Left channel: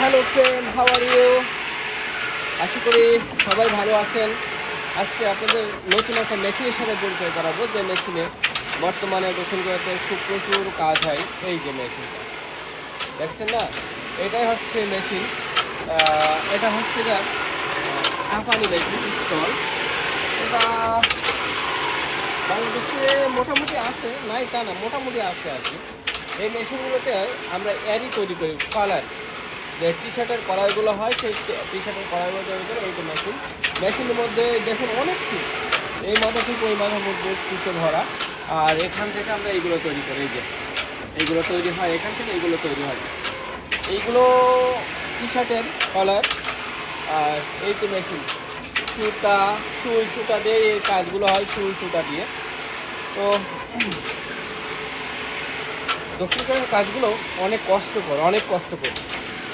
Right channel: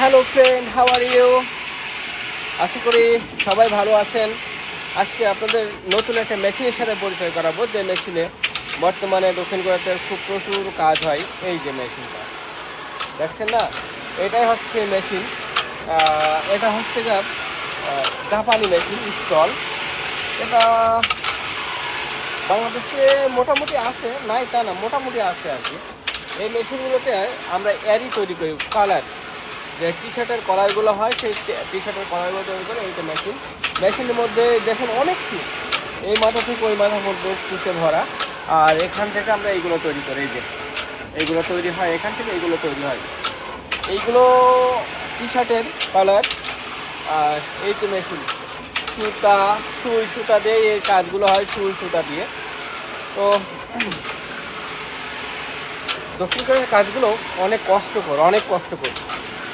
Hello friend, how are you? আশা করি সবাই ভালো আছেন। আজকে আপনাদের নতুন একটা মেশিনের সাথে পরিচয় করাবো, যে মেশিনে বর্তমানে গোসল করাতে খুব প্রচুর কাজ হয়। এই যে মেশিনটা দেখছেন না, এটাই হচ্ছে মেশিন। এটা হচ্ছে যে জাপানি মেশিন স্টল। এটা বাংলাদেশে মোটামুটি আছে, নাই তা না, মোটামুটি আছে আর কি। এই মেশিনগুলোতে আমরা এয়ারি তৈরি করি, কালার যে টি শার্টের কড়াইগুলো হয়, সেই টি শার্টের কড়াইগুলো তৈরি করে। এইটা মেশিনের মধ্যে দেখেন অনেক শীত, এই মাথা থেকে ওই মাথার মধ্যে শীতে ভরা। আর এখান থেকে আমরা এইগুলো তৈরি করি। এই যে এইগুলো তৈরি হয়, এখান থেকে এইগুলো তৈরি হয়। এইগুলো টি শার্টের কালার। আর এই তো মেশিন সুতা, সুই সুতা দিয়ে এই কাজগুলো হয়, সুই সুতা দিয়ে। তো দক্ষিণ কোরিয়ার কাজগুলো অনেক কষ্টকর, অনেক কষ্টকর।